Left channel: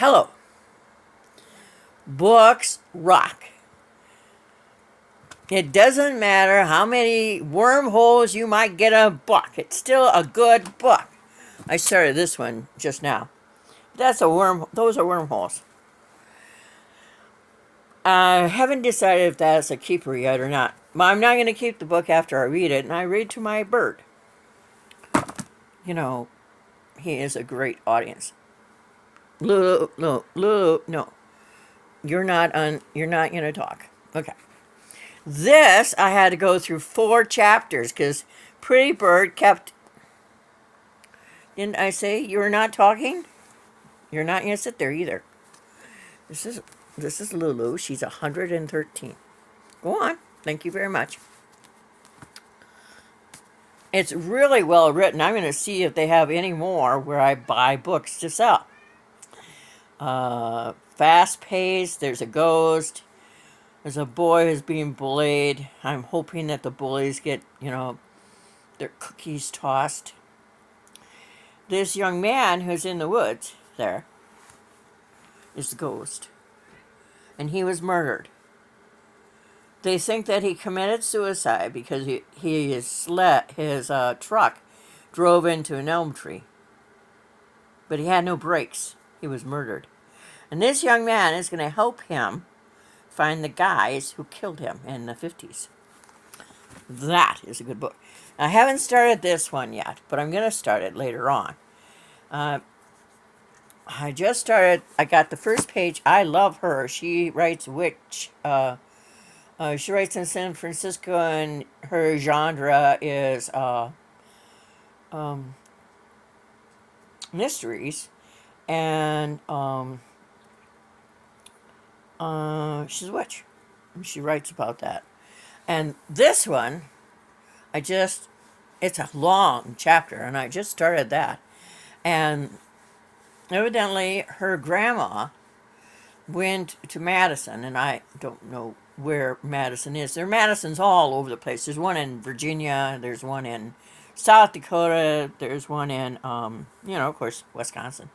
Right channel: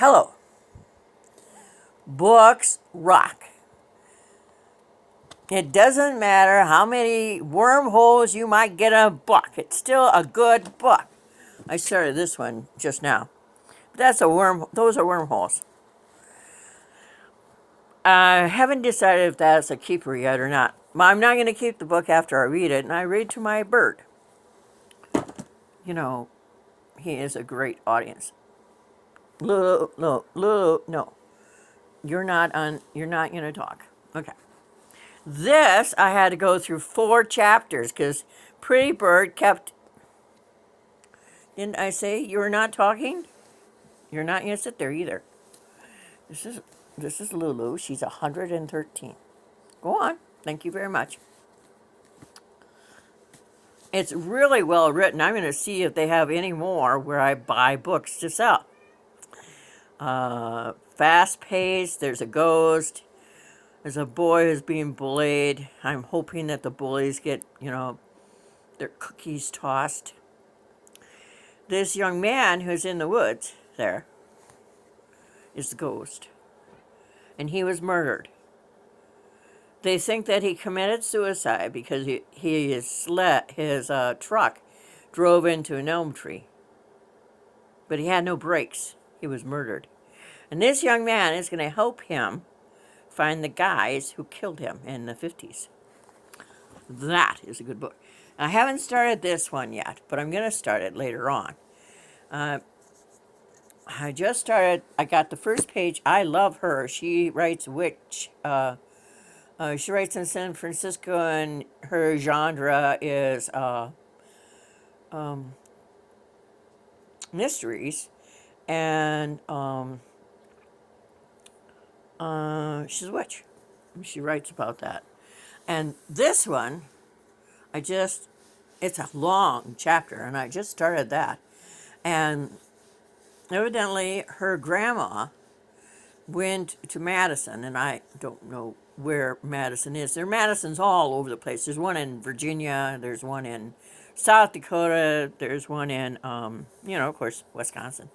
Hello. Books rock. It doesn't matter how many wormholes you might get in a book. It's still a good book. I started this one just now. That's a worm. Those are wormholes. I haven't decided if that's a keeper yet or not. But I'm not going to keep the book after I read it, and I read to my bird. You know, he is a great audience. Lulu, no, Lulu, no. You're not on. You're not going to talk. Okay. This I had to go through 4 chapters because Pretty Bird kept. Didn't I say you were not talking? You're not going to sit there either. This is this is Lulu. She's 113. Go on. Thank you very much. It's really well written. I'm going to see if they have any more where I buy books to sell. Fast paced. There's a ghost. There's a boy who's being bullied. I'm hoping that the bullies get, their cookies tossed. This young man who's in the woods there is the ghost. And he was murdered. They think that he committed suicide because his truck drove into an elm tree. But he had no brakes. He was murdered. And this young man is going to help him find the guys who killed him in the 50s. That is a good book. I haven't started this one yet, but I'm going to start it later on. I just started. I got the first page. I love her. She writes she writes in San Francisco, and her genre is mysteries, and she's a witch. She writes about that. And this one, it's a long chapter, and I just started that. And evidently, her grandma went to Madison, and I don't know where Madison is. There are Madisons all over the place. There's one in Virginia, there's one in South Dakota, there's one in, of course, Wisconsin.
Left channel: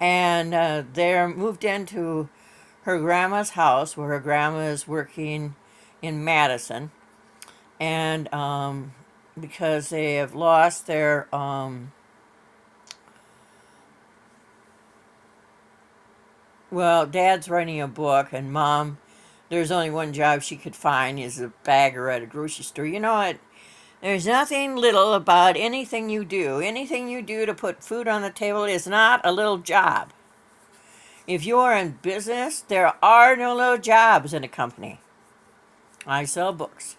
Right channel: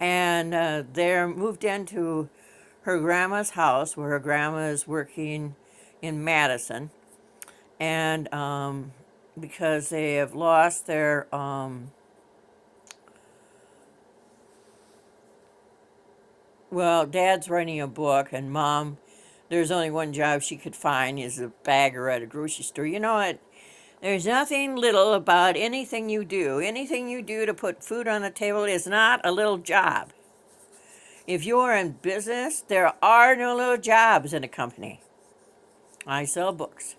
And they moved into her grandma's house where her grandma is working in Madison. And because they have lost their dad's writing a book, and mom, there's only one job she could find is a bagger at a grocery store. You know what? There's nothing little about anything you do. Anything you do to put food on the table is not a little job. If you are in business, there are no little jobs in a company. I sell books.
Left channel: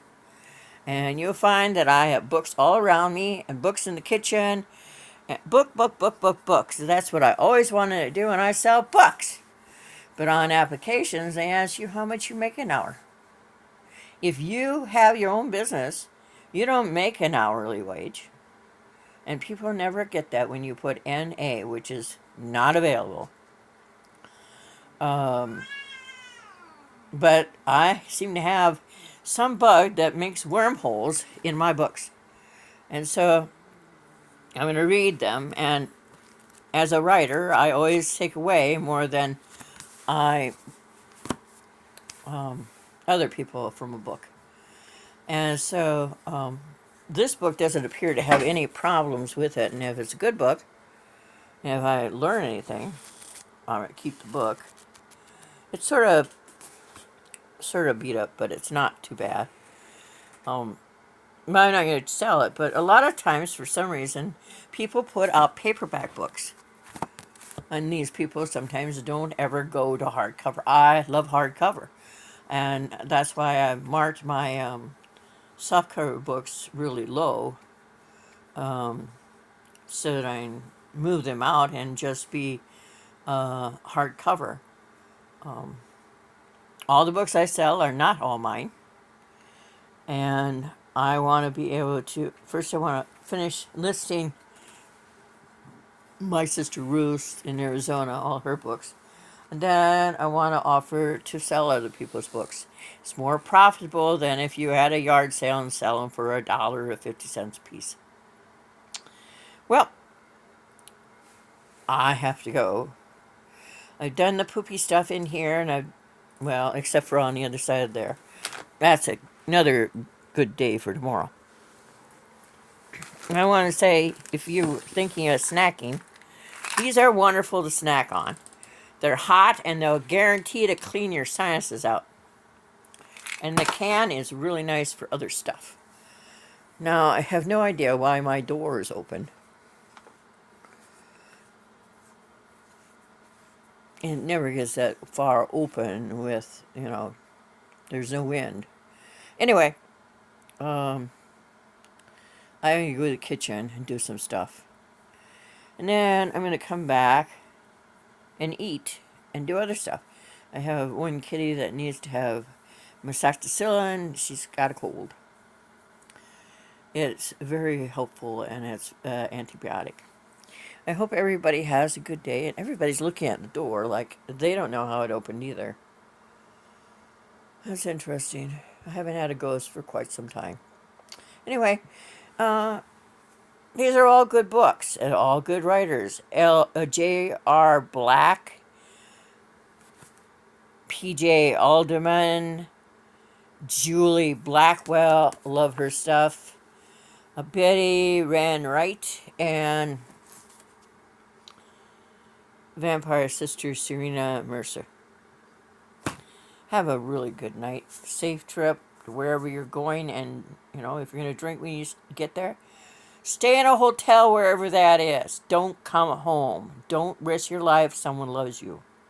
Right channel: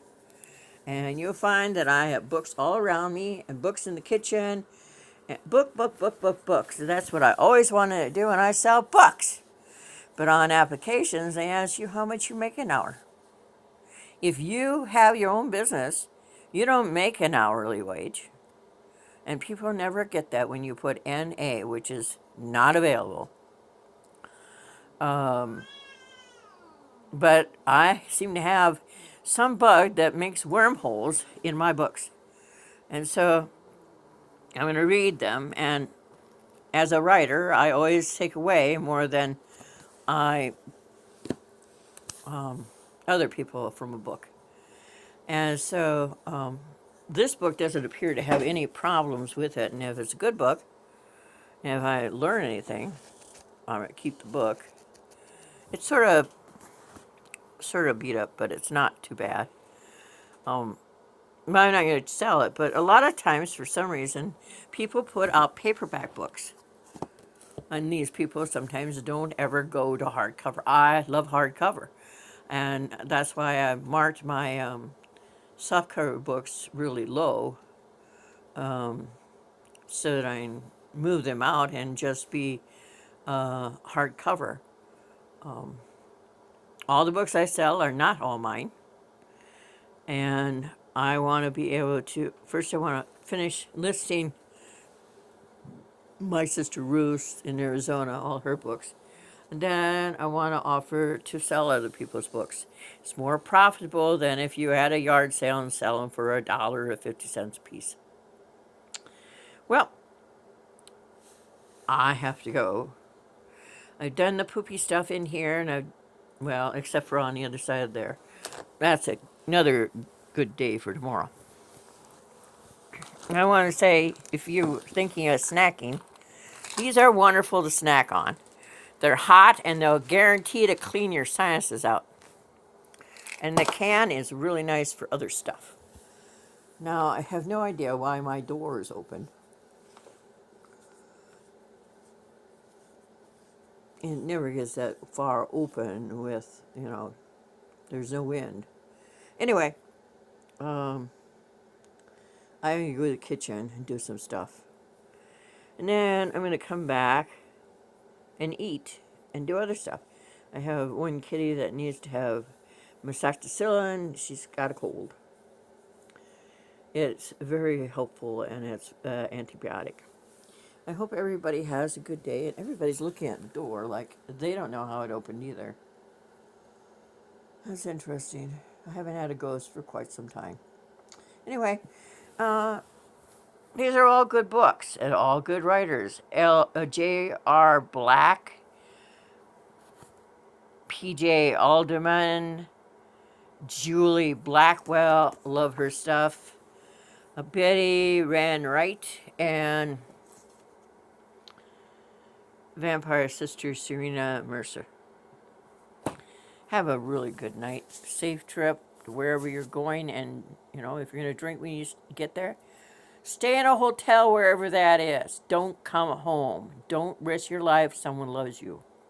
And you'll find that I have books all around me and books in the kitchen. And books. That's what I always wanted to do, and I sell books. But on applications, they ask you how much you make an hour. If you have your own business, you don't make an hourly wage. And people never get that when you put NA, which is not available. But I seem to have some bug that makes wormholes in my books. And so I'm going to read them. And as a writer, I always take away more than I other people from a book. And so this book doesn't appear to have any problems with it. And if it's a good book, and if I learn anything, I'm going to keep the book. It's sort of beat up, but it's not too bad. I'm not going to sell it, but a lot of times, for some reason, people put out paperback books. And these people sometimes don't ever go to hardcover. I love hardcover. And that's why I marked my softcover books really low, so that I can move them out and just be hardcover. All the books I sell are not all mine. And I want to be able to, first I want to finish listing my sister Ruth in Arizona, all her books. And then I want to offer to sell other people's books. It's more profitable than if you had a yard sale and sell them for $1 or 50 cents a piece. Well, I have to go. I've done the poopy stuff in here, and well, except for on the other side there. That's another good day for tomorrow. And I want to say, if you're thinking of snacking, these are wonderful to snack on. They're hot, and they'll guarantee to clean your sinuses out. And the can is really nice for other stuff. Now, I have no idea why my door is open. It never gets that far open with, there's no wind. Anyway, I'm going to go to the kitchen and do some stuff. And then I'm going to come back and eat and do other stuff. I have one kitty that needs to have Moxicillin. She's got a cold. It's very helpful, and it's antibiotic. I hope everybody has a good day, and everybody's looking at the door like they don't know how it opened either. That's interesting. I haven't had a ghost for quite some time. Anyway, these are all good books and all good writers. J.R. Black, P.J. Alderman, Julie Blackwell, love her stuff. Betty Ran Wright, and Vampire Sister Serena Mercer. Have a really good night. Safe trip to wherever you're going, and if you're going to drink when you get there, stay in a hotel wherever that is. Don't come home. Don't risk your life. Someone loves you.